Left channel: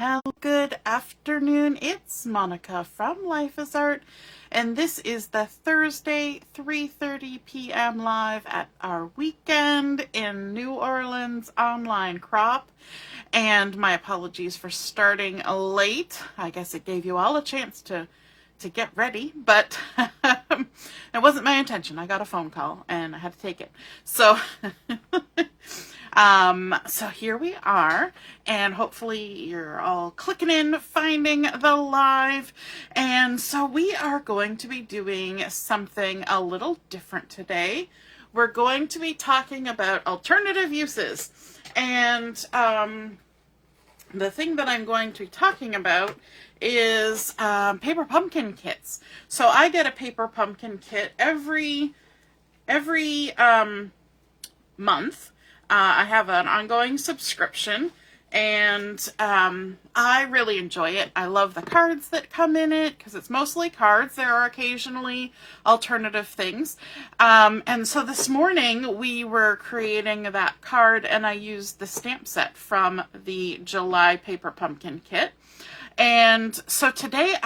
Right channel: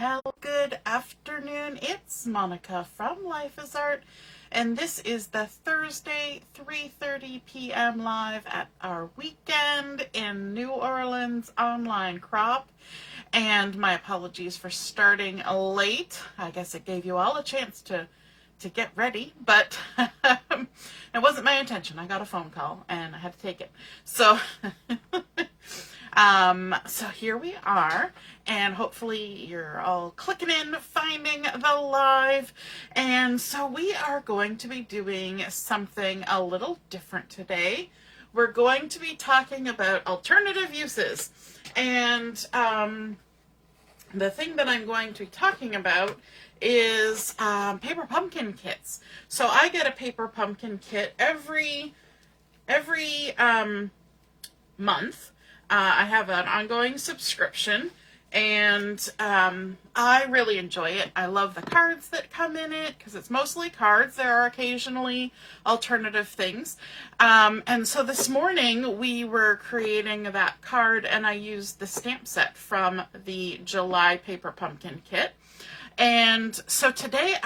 Hello, good afternoon. It's Monica from Life is Art, and this is the Thursday 3:30 p.m. live at our weekend in New Orleans online crop. And my apologies for starting late. I guess it gave you all a chance to get ready, but it wasn't my intention. I got a phone call and I had to take it. So so here we are, and hopefully you're all clicking in, finding the live. And so we are going to be doing something a little different today. We're going to be talking about alternative uses. And the thing that I'm going to be talking about is paper pumpkin kits. So I get a paper pumpkin kit every month. I have an ongoing subscription, and I really enjoy it. I love the cards that come in it because it's mostly cards. There are occasionally alternative things. And so this morning we were creating that card, and I used the stamp set from the July paper pumpkin kit. And so today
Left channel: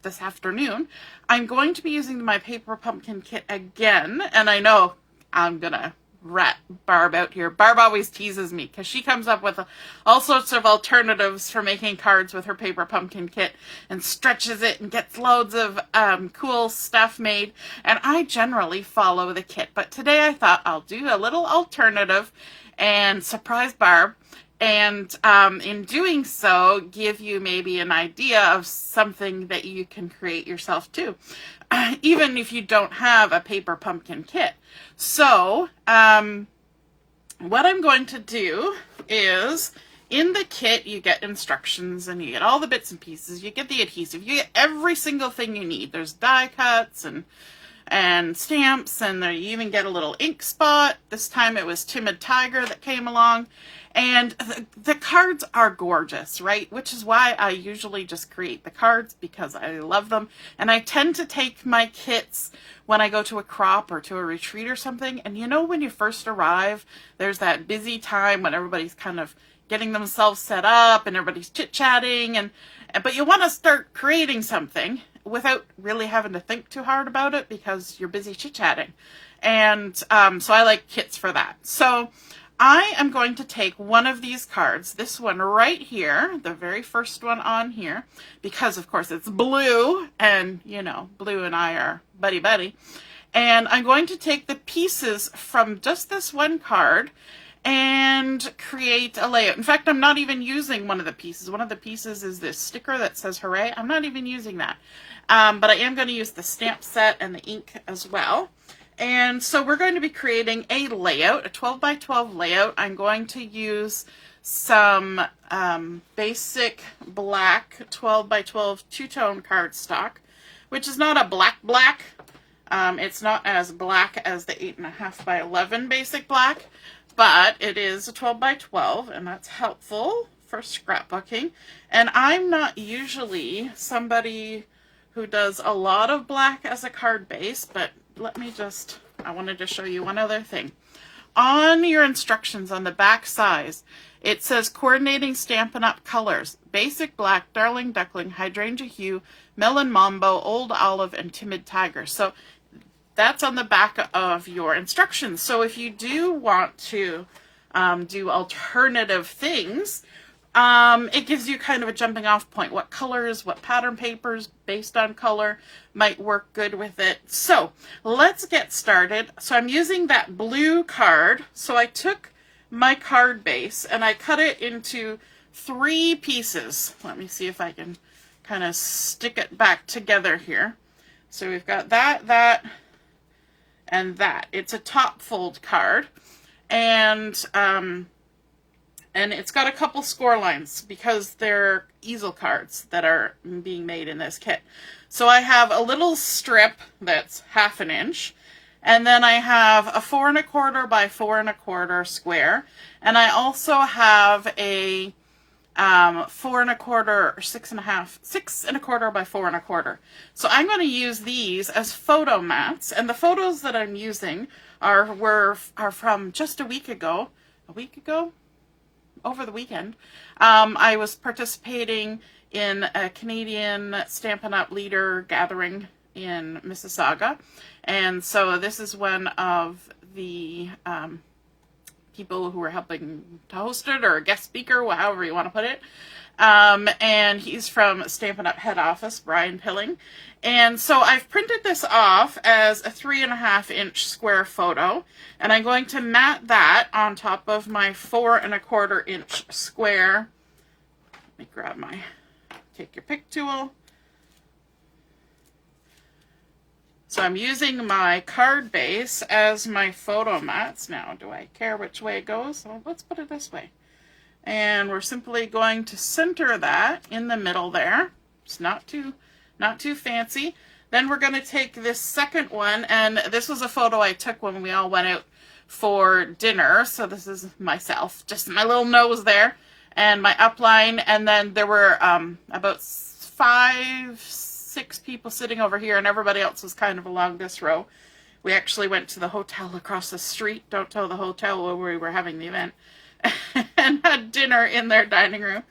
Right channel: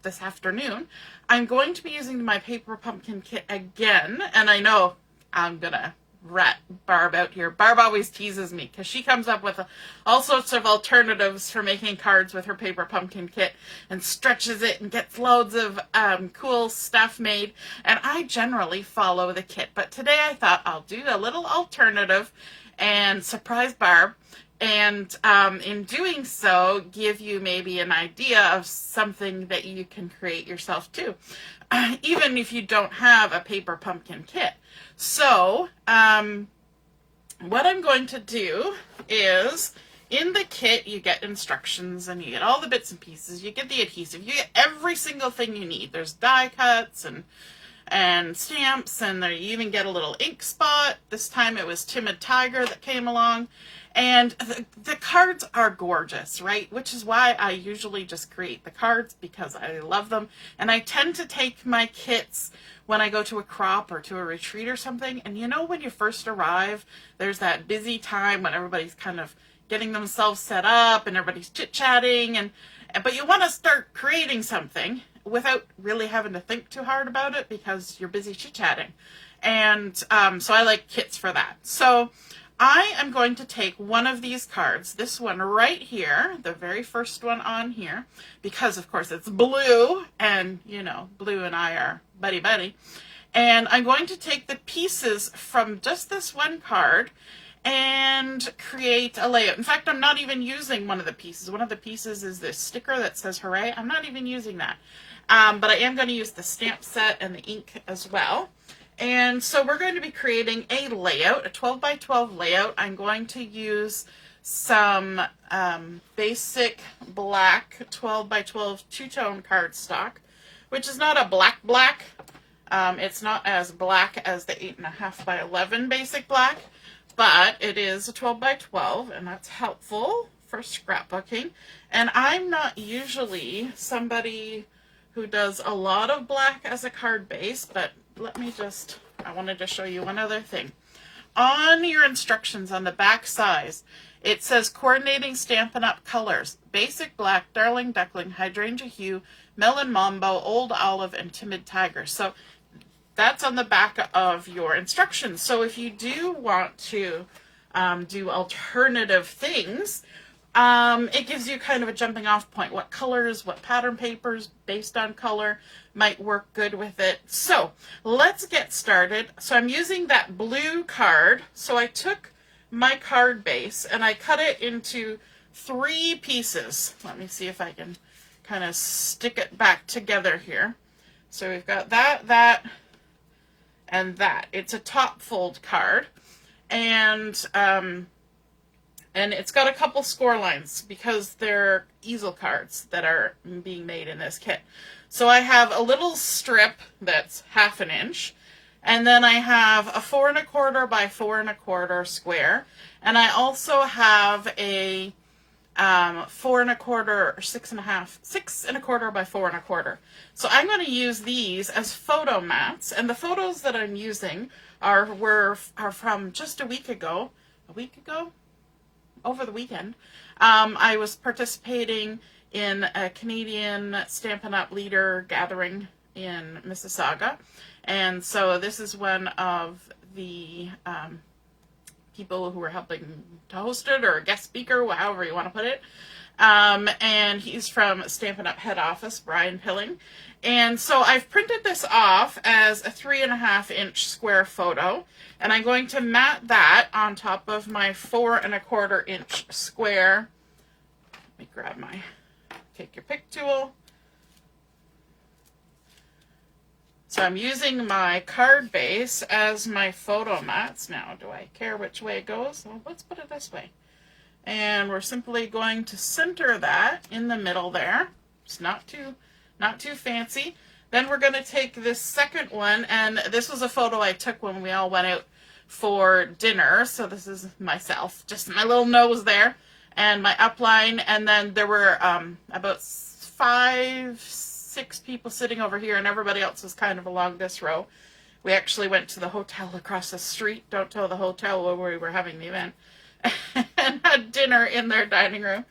this afternoon, I'm going to be using my paper pumpkin kit again. And I know I'm going to rat Barb out here. Barb always teases me because she comes up with all sorts of alternatives for making cards with her paper pumpkin kit and stretches it and gets loads of cool stuff made. And I generally follow the kit. But today I thought I'll do a little alternative and surprise Barb. And in doing so, give you maybe an idea of something that you can create yourself too, even if you don't have a paper pumpkin kit. So what I'm going to do is, in the kit, you get instructions and you get all the bits and pieces. You get the adhesive. You get every single thing you need. There's die cuts and stamps, and there you even get a little ink spot. This time it was Timid Tiger that came along. And the cards are gorgeous, right? Which is why I usually just create the cards, because I love them. And I tend to take my kits when I go to a crop or to a retreat or something. And you know, when you first arrive, there's that busy time when everybody's kind of getting themselves set up and everybody's chit-chatting, but you want to start creating something without really having to think too hard about it because you're busy chit-chatting. And so I like kits for that. So I am going to take one of these cards, this one right here, the very first one on here, because of course it's blue, and you know, blue and I are buddy-buddy. And I'm going to take the pieces from just this one card and create a layout. In fact, I'm not even using one of the pieces. One of the pieces is this sticker that says hooray. I'm not even using that. But I am going to use the stamp set and the ink as well. And so we're going to be creating a layout, a 12 by 12 layout. I'm going to use some basic black 12 by 12 two-tone cardstock, which is not a black. It's not as black as the 8.5 by 11 basic black, but it is a 12 by 12, and that's helpful for scrapbooking. And I'm not usually somebody who does a lot of black as a card base, but I wanted to show you one other thing. On your instructions on the back size, it says coordinating Stampin' Up! Colors, basic black, darling duckling, hydrangea hue, melon mambo, old olive, and timid tiger. So that's on the back of your instructions. So if you do want to do alternative things, it gives you kind of a jumping off point. What colors, what pattern papers based on color might work good with it. So let's get started. So I'm using that blue card. So I took my card base and I cut it into 3 pieces. Let me see if I can kind of stick it back together here. So we've got that, and that. It's a top fold card. And it's got a couple score lines because they're easel cards that are being made in this kit. So I have a little strip that's 1/2 inch, and then I have a 4 1/4 by 4 1/4 square, and I also have a 4 1/4 or 6 1/4 by 4 1/4. So I'm going to use these as photo mats, and the photos that I'm using are from just a week ago, over the weekend. I was participating in a Canadian Stampin' Up! Leader gathering in Mississauga, and so this is one of the people who were helping to host it, or a guest speaker, however you want to put it. And he's from Stampin' Up! Head office, Brian Pilling. And so I've printed this off as a 3.5 inch square photo, and I'm going to mat that on top of my 4.25 inch square. Let me grab my take your pick tool. So I'm using my card base as my photo mats. Now, do I care which way it goes? Well, let's put it this way. And we're simply going to center that in the middle there. It's not too fancy. Then we're going to take this second one, and this was a photo I took when we all went out for dinner. So this is myself, just my little nose there, and my upline. And then there were about 5-6 people sitting over here, and everybody else was kind of along this row. We actually went to the hotel across the street. Don't tell the hotel where we were having the event. And had dinner in their dining room.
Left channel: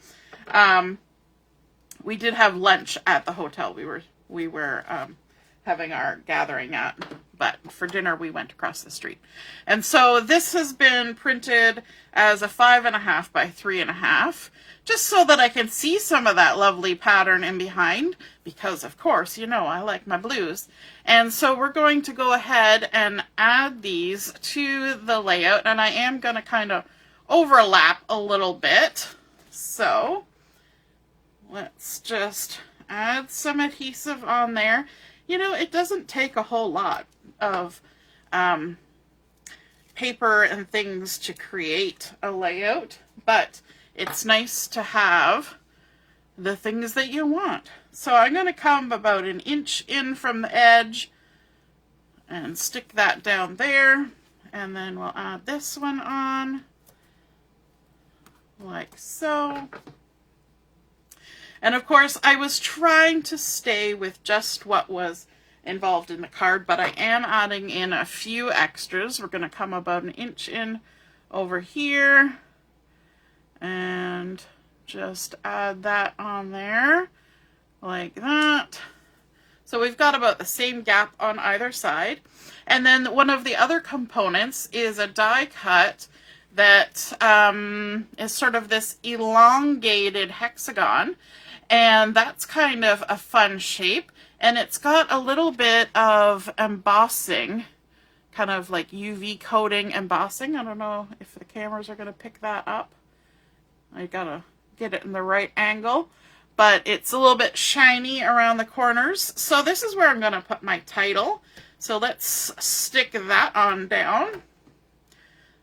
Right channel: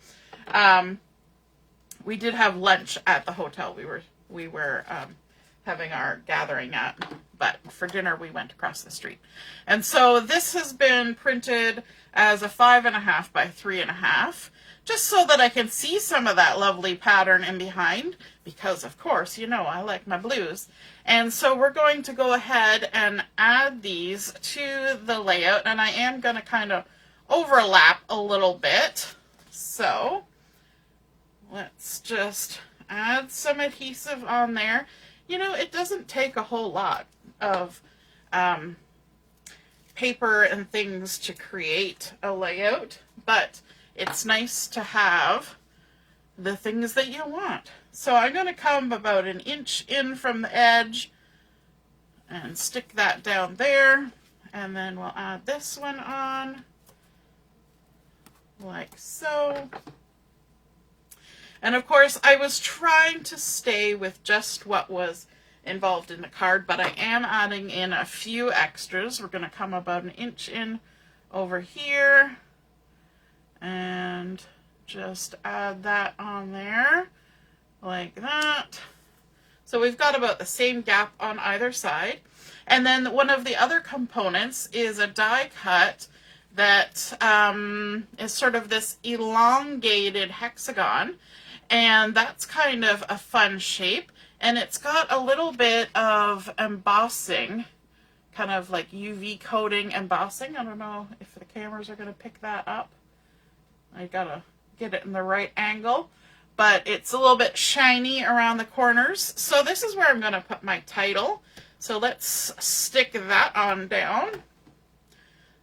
We did have lunch at the hotel we were having our gathering at, but for dinner we went across the street. And so this has been printed as a 5.5 by 3.5, just so that I can see some of that lovely pattern in behind, because of course, you know, I like my blues. And so we're going to go ahead and add these to the layout, and I am going to kind of overlap a little bit. So let's just add some adhesive on there. You know, it doesn't take a whole lot of paper and things to create a layout, but it's nice to have the things that you want. So I'm going to come about 1 inch in from the edge and stick that down there, and then we'll add this one on like so. And of course, I was trying to stay with just what was involved in the card, but I am adding in a few extras. We're going to come about 1 inch in over here and just add that on there like that. So we've got about the same gap on either side. And then one of the other components is a die cut that is sort of this elongated hexagon, and that's kind of a fun shape, and it's got a little bit of embossing, kind of like UV coating embossing. I don't know if the cameras are going to pick that up. I gotta get it in the right angle, but it's a little bit shiny around the corners. So this is where I'm going to put my title. So let's stick that on down.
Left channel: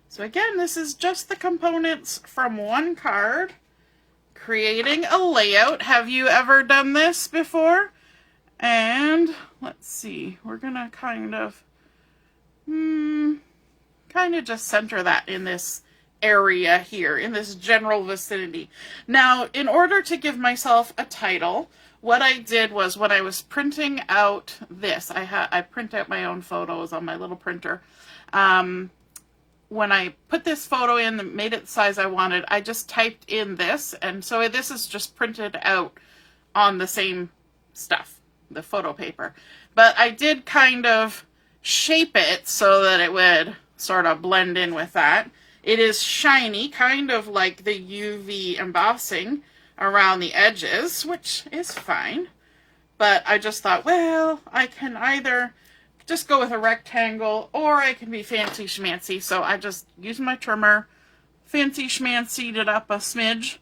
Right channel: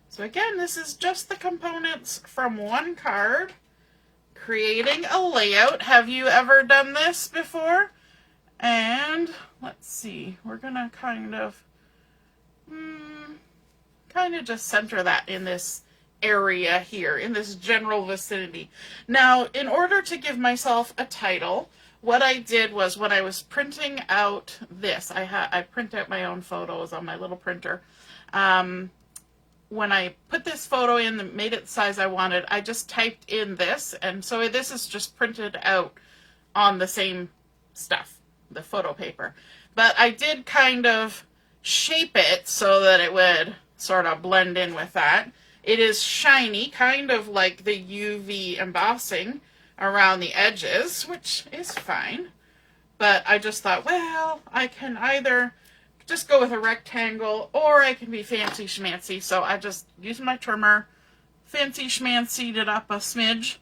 So again, this is just the components from one card, creating a layout. Have you ever done this before? And let's see, we're gonna kind of just center that in this area here, in this general vicinity. Now, in order to give myself a title, what I did was, when I was printing out this, I print out my own photos on my little printer. When I put this photo in and made it the size I wanted, I just typed in this, and so this is just printed out on the same stuff, the photo paper. But I did kind of shape it so that it would sort of blend in with that. It is shiny, kind of like the UV embossing around the edges, which is fine. But I just thought, well, I can either just go with a rectangle, or I can be fancy schmancy. So I just used my trimmer, fancy schmancied it up a smidge,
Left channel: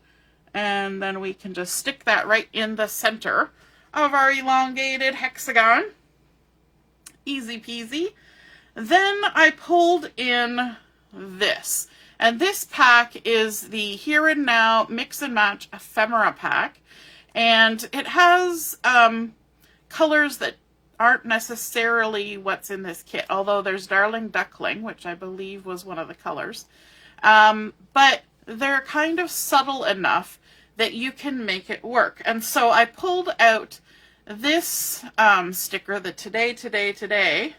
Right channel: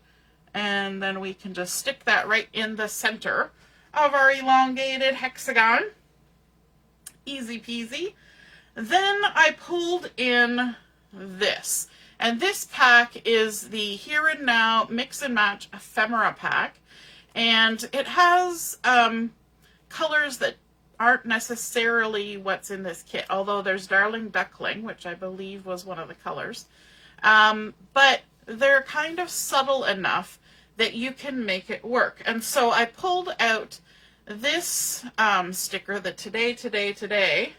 and then we can just stick that right in the center of our elongated hexagon. Easy peasy. Then I pulled in this. And this pack is the Here and Now Mix and Match Ephemera pack. And it has colors that aren't necessarily what's in this kit, although there's Darling Duckling, which I believe was one of the colors. But they're kind of subtle enough that you can make it work. And so I pulled out this sticker, the Today.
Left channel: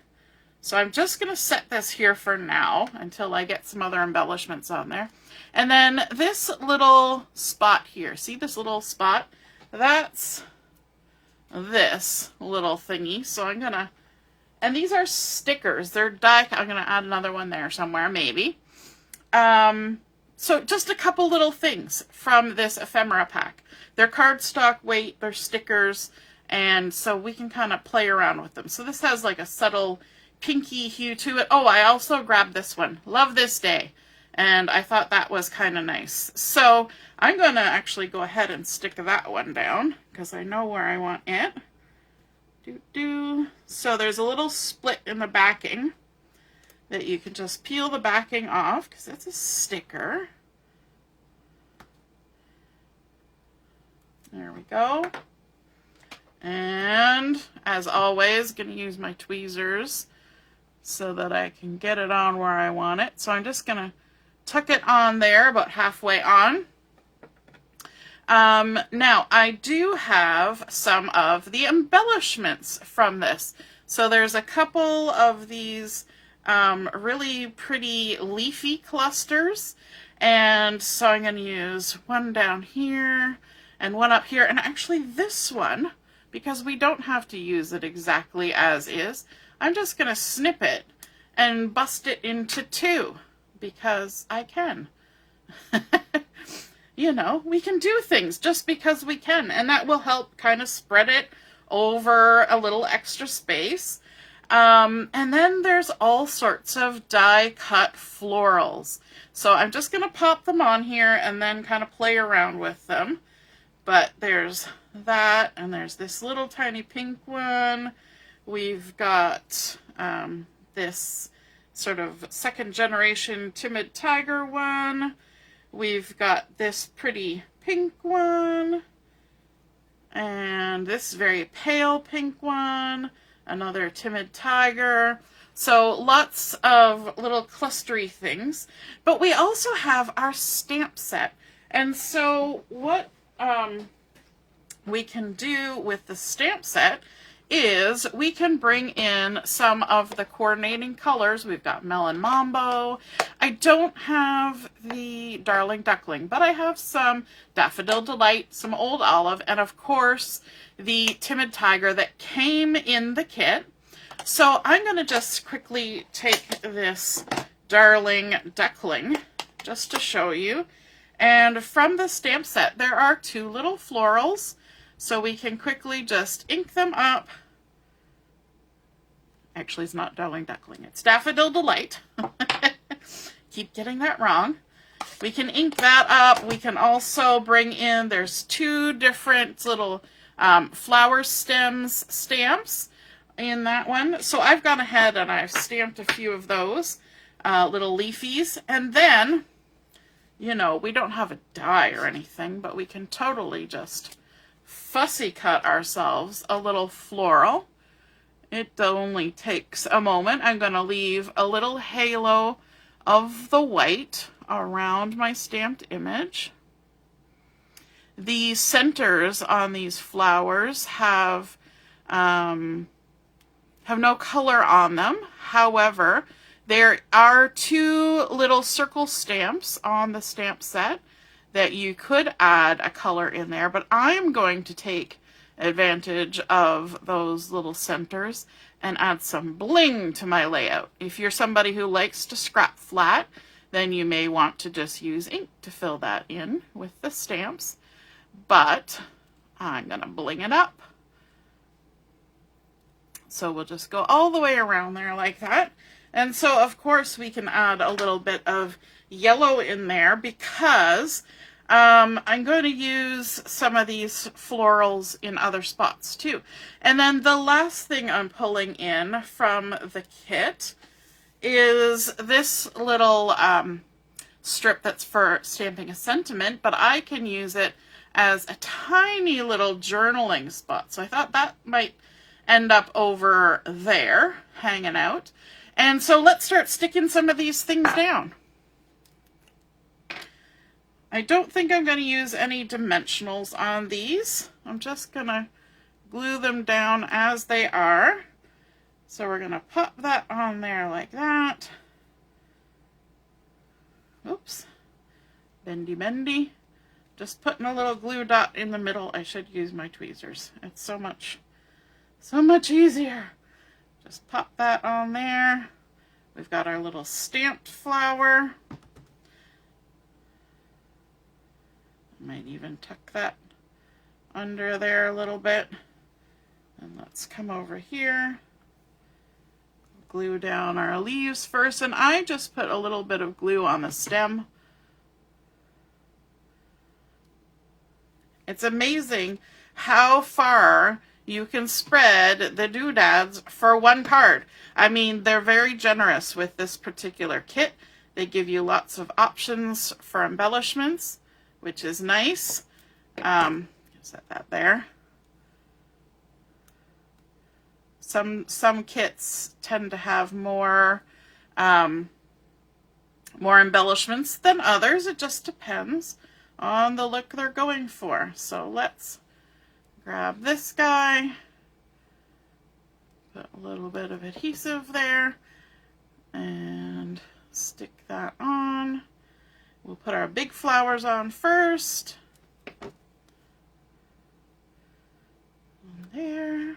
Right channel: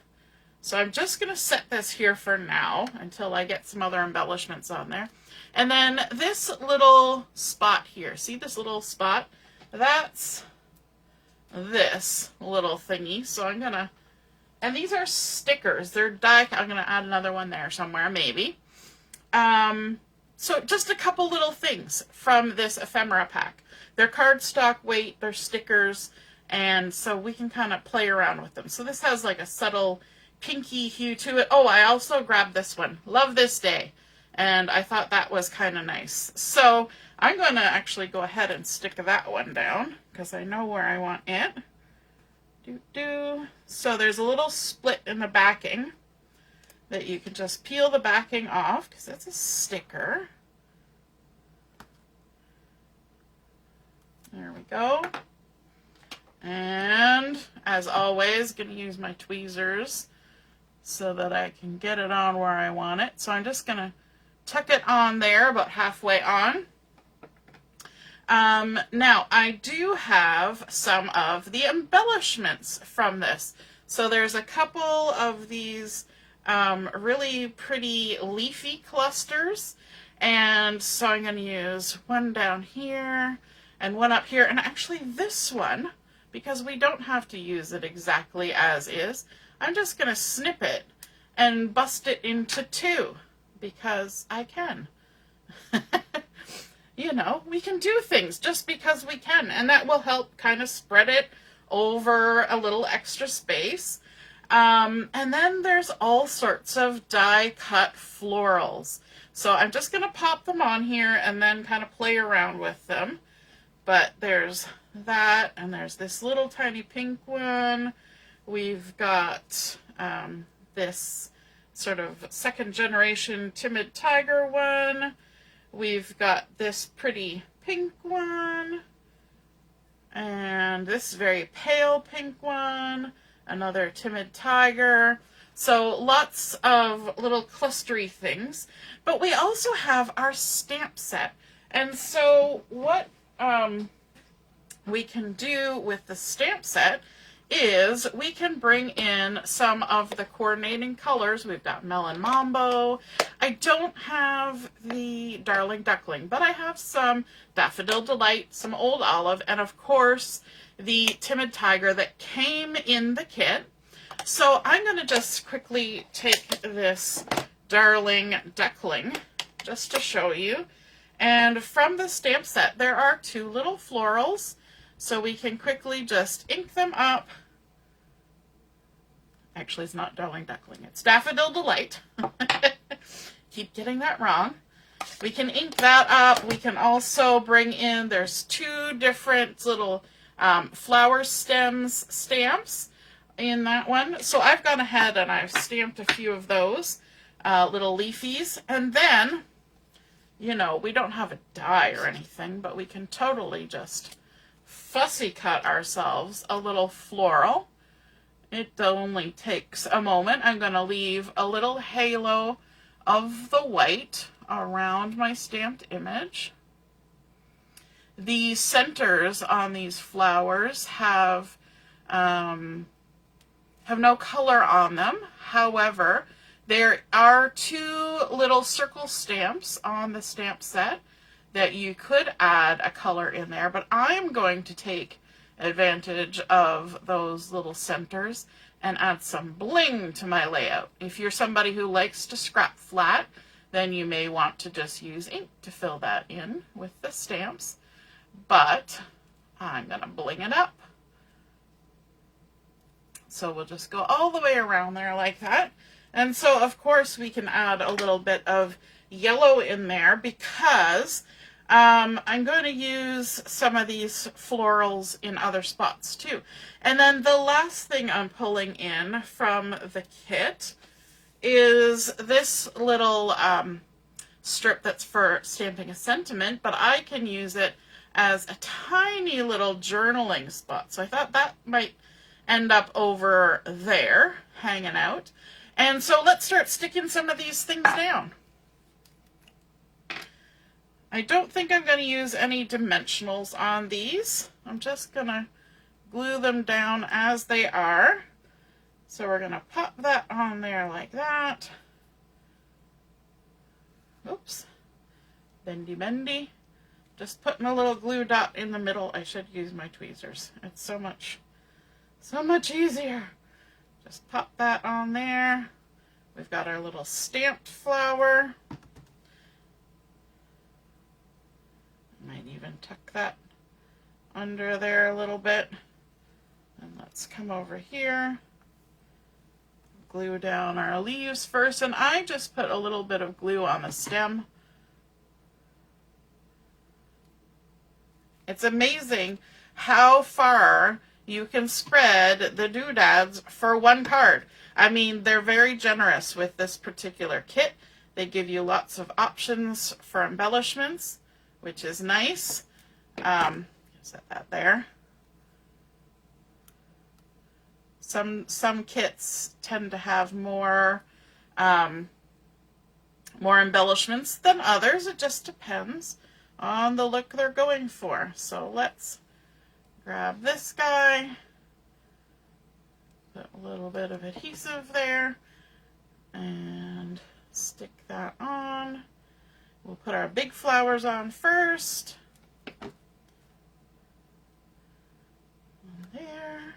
So I'm just going to set this here for now until I get some other embellishments on there. And then this little spot here, see this little spot? That's this little thingy. So I'm gonna, and these are stickers. They're die, I'm gonna add another one there somewhere, maybe. So just a couple little things from this ephemera pack. They're cardstock weight, they're stickers, and so we can kind of play around with them. So this has like a subtle pinky hue to it. Oh, I also grabbed this one. Love This Day. And I thought that was kind of nice. So I'm going to actually go ahead and stick that one down because I know where I want it. So there's a little split in the backing that you can just peel the backing off because that's a sticker. There we go. And as always, going to use my tweezers so that I can get it on where I want it. So I'm just going to tuck it on there about halfway on. Now I do have some of the embellishments from this. So there's a couple of these really pretty leafy clusters, and so I'm going to use one down here and one up here, and actually this one, because we don't have to use it exactly as is, I'm just going to snip it and bust it into two because I can. You know, we can do things just because we can, and that will help kind of spread it over a little extra space. And then there's all sorts of die-cut florals. So I'm just going to pop them on here and then kind of play around with them. But there's that, and there's this little tiny pink one. We've got this sort of second generation timid tiger one. We've got this pretty pink one, and this very pale pink one, another timid tiger. So lots of little clustery things. But we also have our stamp set. And so what we can do with the stamp set is we can bring in some of the coordinating colors. We've got Melon Mambo. I don't have the Darling Duckling, but I have some Daffodil Delight, some Old Olive, and of course the Timid Tiger that came in the kit. So I'm going to just quickly take this Darling Duckling just to show you. And from the stamp set, there are two little florals. So we can quickly just ink them up. Actually, it's not Darling Duckling. It's Daffodil Delight. Keep getting that wrong. We can ink that up. We can also bring in, there's two different little flower stems stamps in that one. So I've gone ahead and I've stamped a few of those little leafies. And then, you know, we don't have a die or anything, but we can totally just fussy cut ourselves a little floral. It only takes a moment. I'm going to leave a little halo of the white around my stamped image. The centers on these flowers have no color on them. However, there are two little circle stamps on the stamp set that you could add a color in there, but I'm going to take advantage of those little centers and add some bling to my layout. If you're somebody who likes to scrap flat, then you may want to just use ink to fill that in with the stamps, but I'm going to bling it up. So we'll just go all the way around there like that. And so, of course, we can add a little bit of yellow in there because I'm going to use some of these florals in other spots too. And then the last thing I'm pulling in from the kit is this little strip that's for stamping a sentiment, but I can use it as a tiny little journaling spot. So I thought that might end up over there, hanging out. And so let's start sticking some of these things down. I don't think I'm going to use any dimensionals on these. I'm just going to glue them down as they are. So we're going to pop that on there like that. Oops. bendy bendy. Just putting a little glue dot in the middle. I should use my tweezers. It's so much easier. Just pop that on there. We've got our little stamped flower. Might even tuck that under there a little bit. And let's come over here. Glue down our leaves first. And I just put a little bit of glue on the stem. It's amazing how far you can spread the doodads for one card. I mean, they're very generous with this particular kit. They give you lots of options for embellishments, which is nice. Set that there. Some kits tend to have more embellishments than others. It just depends on the look they're going for. So let's grab this guy, put a little bit of adhesive there, and stick that on. We'll put our big flowers on first. And there.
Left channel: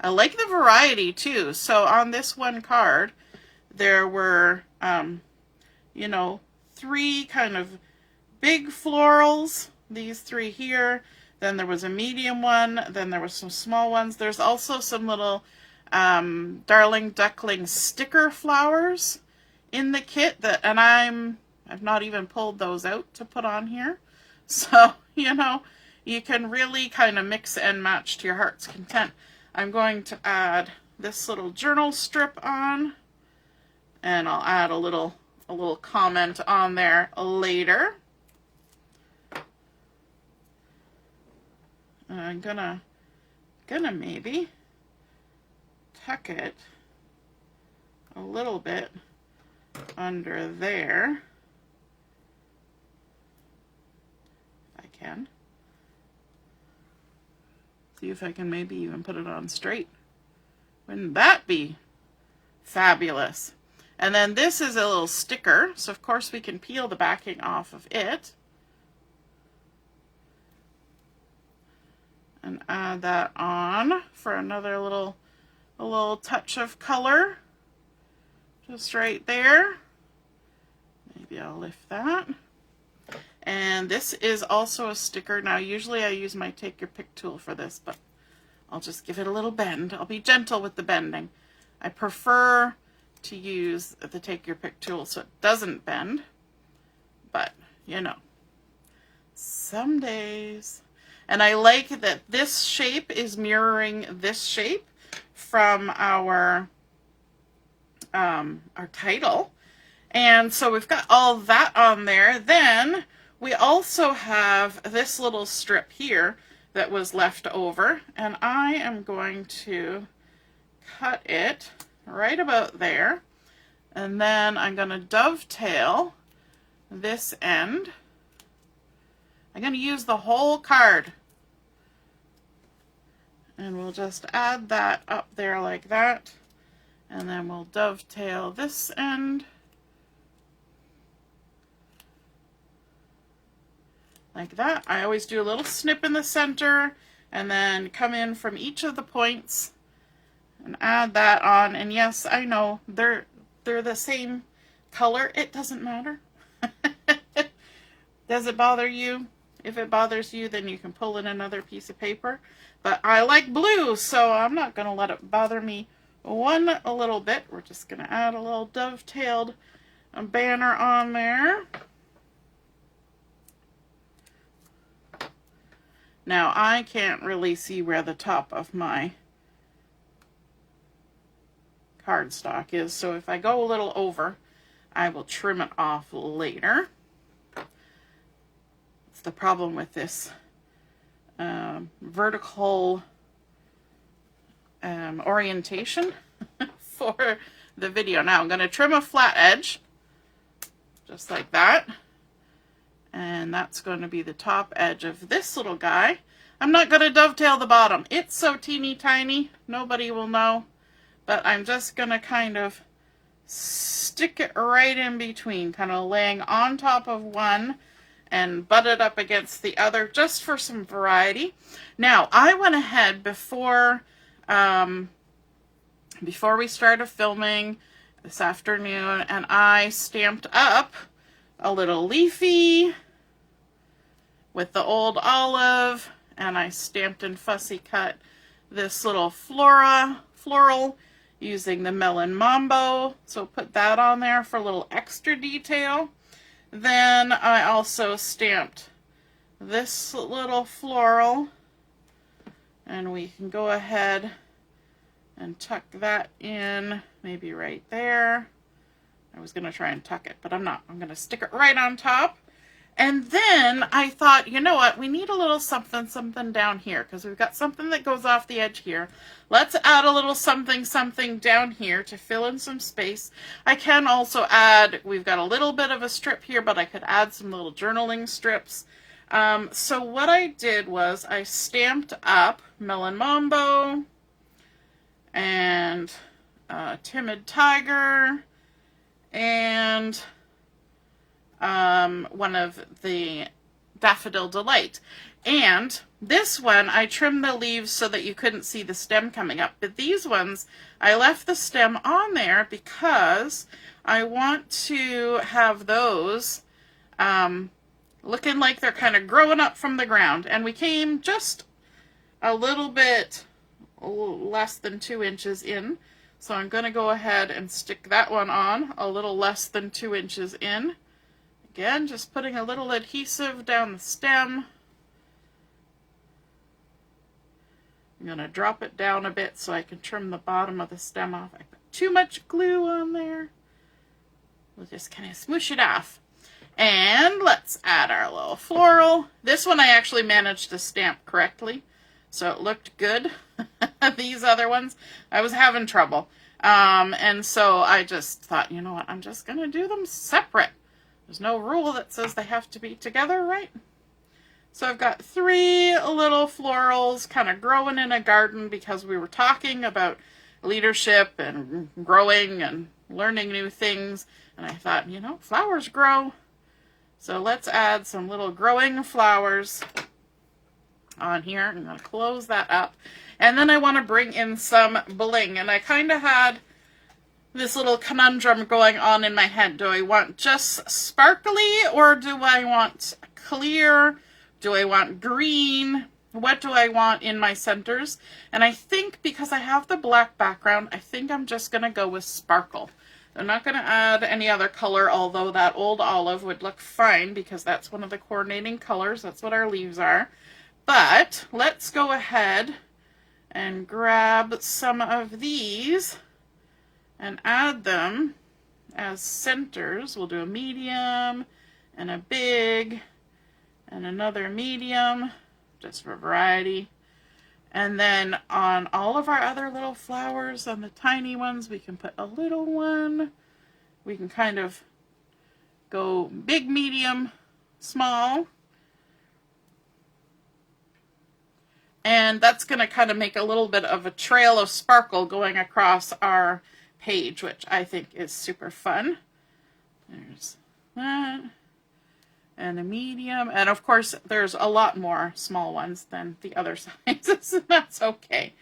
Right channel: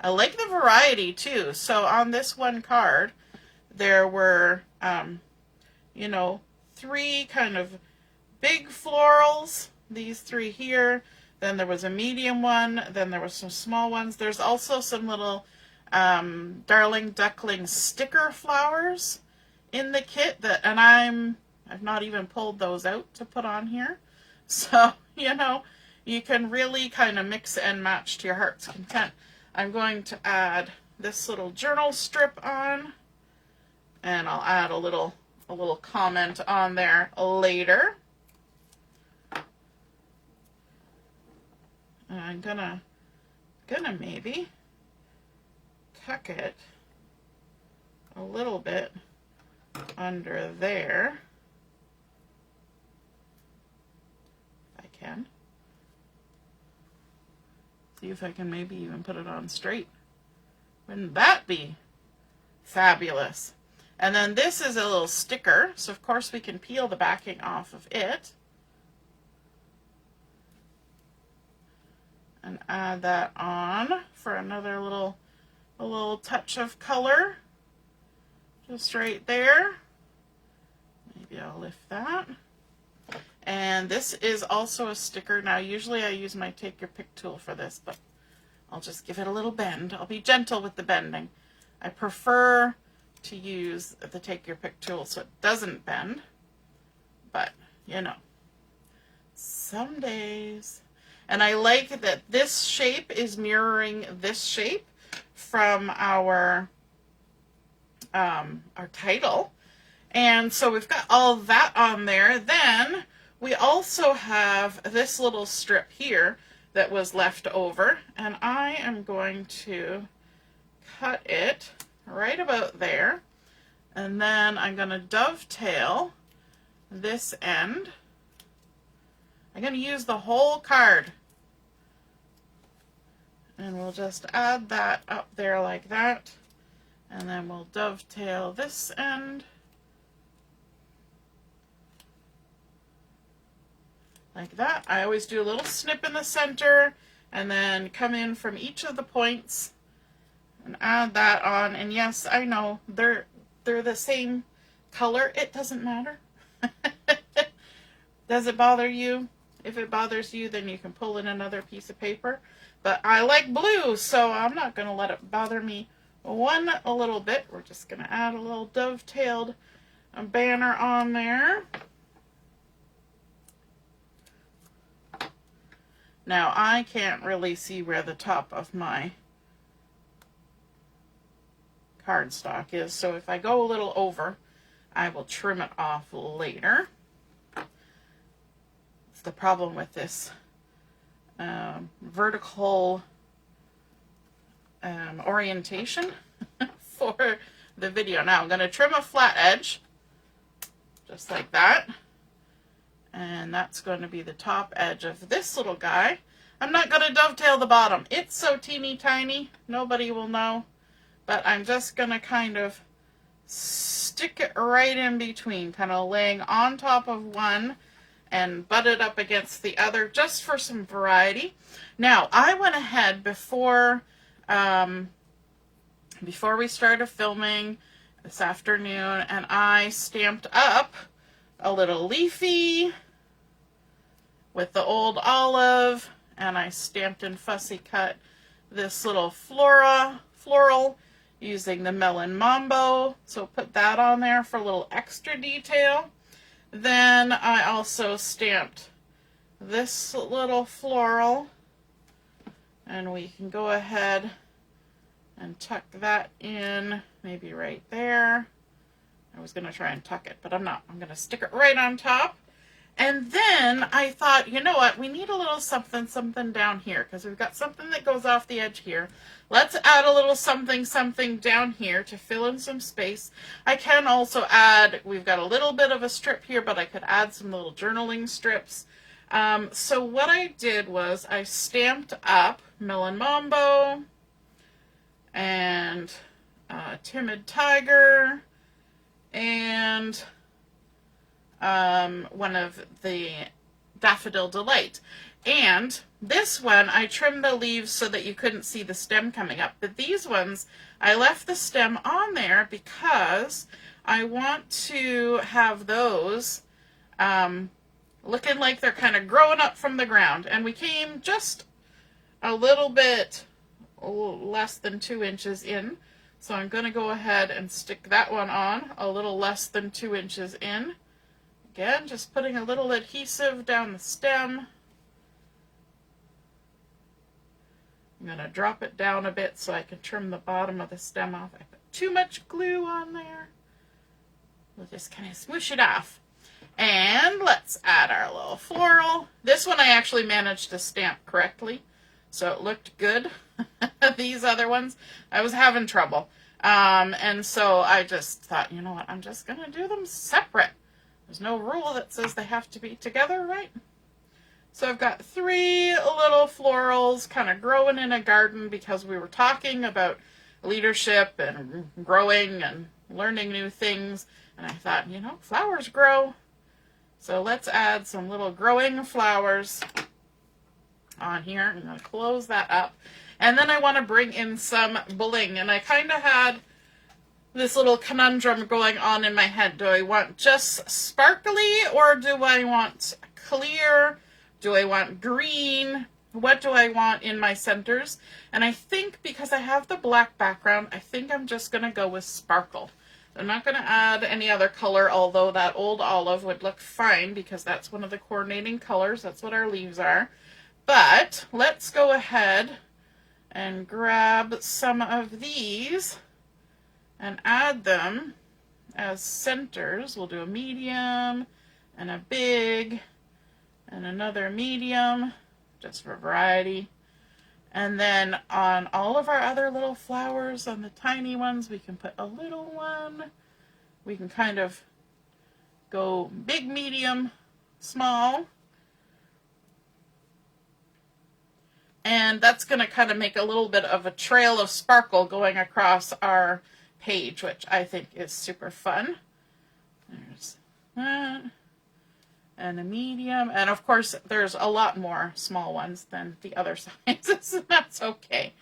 I like the variety too. So on this one card, there were, you know, 3 kind of big florals, these 3 here. Then there was a medium one. Then there were some small ones. There's also some little Darling Duckling sticker flowers in the kit that, and I've not even pulled those out to put on here. So, you know, you can really kind of mix and match to your heart's content. I'm going to add this little journal strip on, and I'll add a little comment on there later. And I'm gonna maybe tuck it a little bit under there. If I can. See if I can maybe even put it on straight. Wouldn't that be fabulous? And then this is a little sticker, so of course we can peel the backing off of it. And add that on for another little touch of color. Just right there. Maybe I'll lift that. And this is also a sticker. Now, usually I use my Take Your Pick tool for this, but I'll just give it a little bend. I'll be gentle with the bending. I prefer to use the Take Your Pick tool so it doesn't bend, but, you know, some days. And I like that this shape is mirroring this shape from our title. And so we've got all that on there. Then we also have this little strip here that was left over, and I am going to cut it right about there, and then I'm going to dovetail this end. I'm going to use the whole card, and we'll just add that up there like that, and then we'll dovetail this end like that. I always do a little snip in the center and then come in from each of the points and add that on. And yes, I know they're the same color. It doesn't matter. Does it bother you? If it bothers you, then you can pull in another piece of paper. But I like blue, so I'm not going to let it bother me a little bit. We're just going to add a little dovetailed banner on there. Now, I can't really see where the top of my cardstock is, so if I go a little over, I will trim it off later. It's the problem with this vertical orientation for the video. Now, I'm going to trim a flat edge, just like that. And that's going to be the top edge of this little guy. I'm not going to dovetail the bottom. It's so teeny tiny, nobody will know. But I'm just going to kind of stick it right in between, kind of laying on top of one and butt it up against the other just for some variety. Now, I went ahead before we started filming this afternoon, and I stamped up a little leafy with the old olive, and I stamped and fussy cut this little floral using the Melon Mambo, so put that on there for a little extra detail. Then I also stamped this little floral, and we can go ahead and tuck that in, maybe right there. I was going to try and tuck it, but I'm not. I'm going to stick it right on top. And then I thought, you know what, we need a little something down here, because we've got something that goes off the edge here. Let's add a little something down here to fill in some space. I can also add, we've got a little bit of a strip here, but I could add some little journaling strips. So what I did was I stamped up Melon Mambo and Timid Tiger and one of the Daffodil Delight. And this one, I trimmed the leaves so that you couldn't see the stem coming up. But these ones, I left the stem on there because I want to have those looking like they're kind of growing up from the ground. And we came just a little bit less than 2 inches in. So I'm going to go ahead and stick that one on a little less than 2 inches in. Again, just putting a little adhesive down the stem. I'm going to drop it down a bit so I can trim the bottom of the stem off. I put too much glue on there. We'll just kind of smoosh it off. And let's add our little floral. This one I actually managed to stamp correctly, so it looked good. These other ones, I was having trouble. And so I just thought, you know what, I'm just going to do them separate. There's no rule that says they have to be together, right? So I've got 3 little florals kind of growing in a garden because we were talking about leadership and growing and learning new things. And I thought, you know, flowers grow. So let's add some little growing flowers on here. I'm going to close that up. And then I want to bring in some bling. And I kind of had this little conundrum going on in my head. Do I want just sparkly, or do I want clear? Do I want green? What do I want in my centers? And I think because I have the black background, I think I'm just going to go with sparkle. I'm not going to add any other color, although that old olive would look fine because that's one of the coordinating colors. That's what our leaves are. But let's go ahead and grab some of these and add them as centers. We'll do a medium and a big and another medium, just for variety. And then on all of our other little flowers, on the tiny ones, we can put a little one. We can kind of go big, medium, small. And that's going to kind of make a little bit of a trail of sparkle going across our page, which I think is super fun. There's that. And a medium, and of course there's a lot more small ones than the other sizes. That's okay.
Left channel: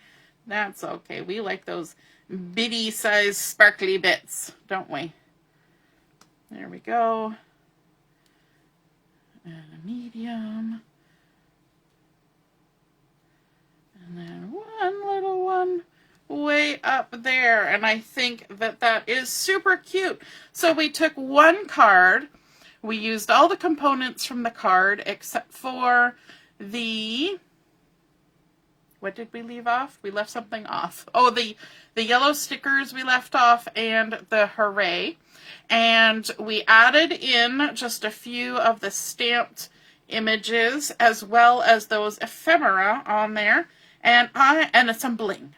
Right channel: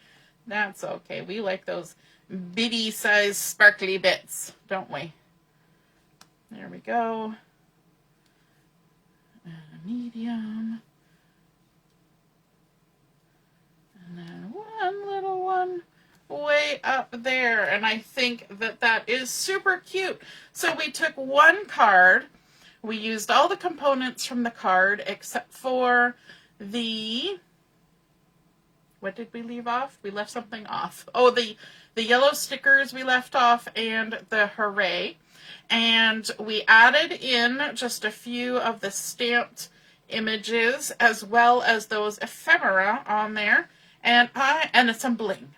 That's okay. We like those bitty size sparkly bits, don't we? There we go. And a medium. And then one little one way up there. And I think that that is super cute. So we took one card. We used all the components from the card except for the, what did we leave off? We left something off. Oh, the yellow stickers we left off and the hooray. And we added in just a few of the stamped images as well as those ephemera on there. And some bling.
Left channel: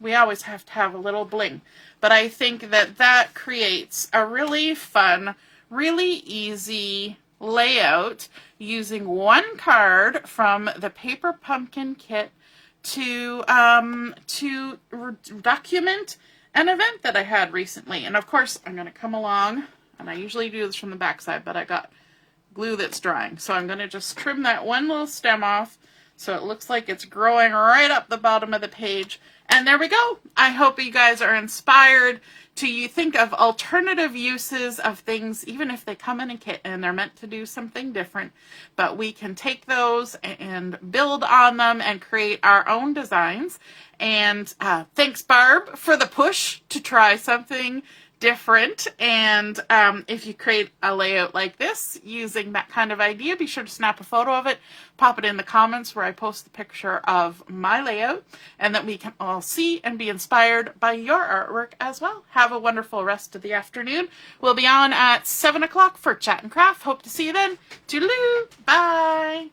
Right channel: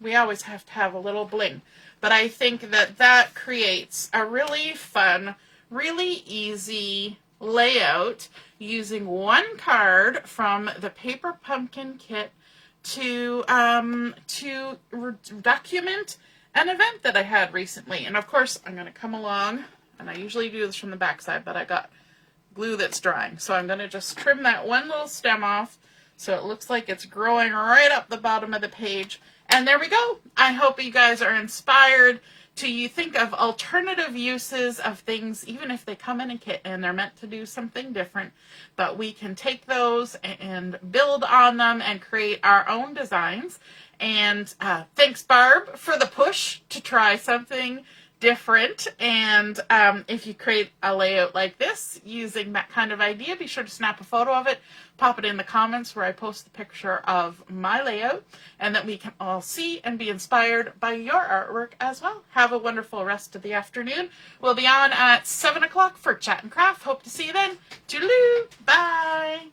We always have to have a little bling. But I think that that creates a really fun, really easy layout using one card from the Paper Pumpkin kit to document an event that I had recently. And of course, I'm going to come along, and I usually do this from the back side, but I got glue that's drying. So I'm going to just trim that one little stem off so it looks like it's growing right up the bottom of the page. And there we go. I hope you guys are inspired to think of alternative uses of things, even if they come in a kit and they're meant to do something different. But we can take those and build on them and create our own designs. And thanks, Barb, for the push to try something different. And if you create a layout like this using that kind of idea, be sure to snap a photo of it, pop it in the comments where I post the picture of my layout, and that we can all see and be inspired by your artwork as well. Have a wonderful rest of the afternoon. We'll be on at 7 o'clock for Chat and Craft. Hope to see you then. Toodaloo. Bye.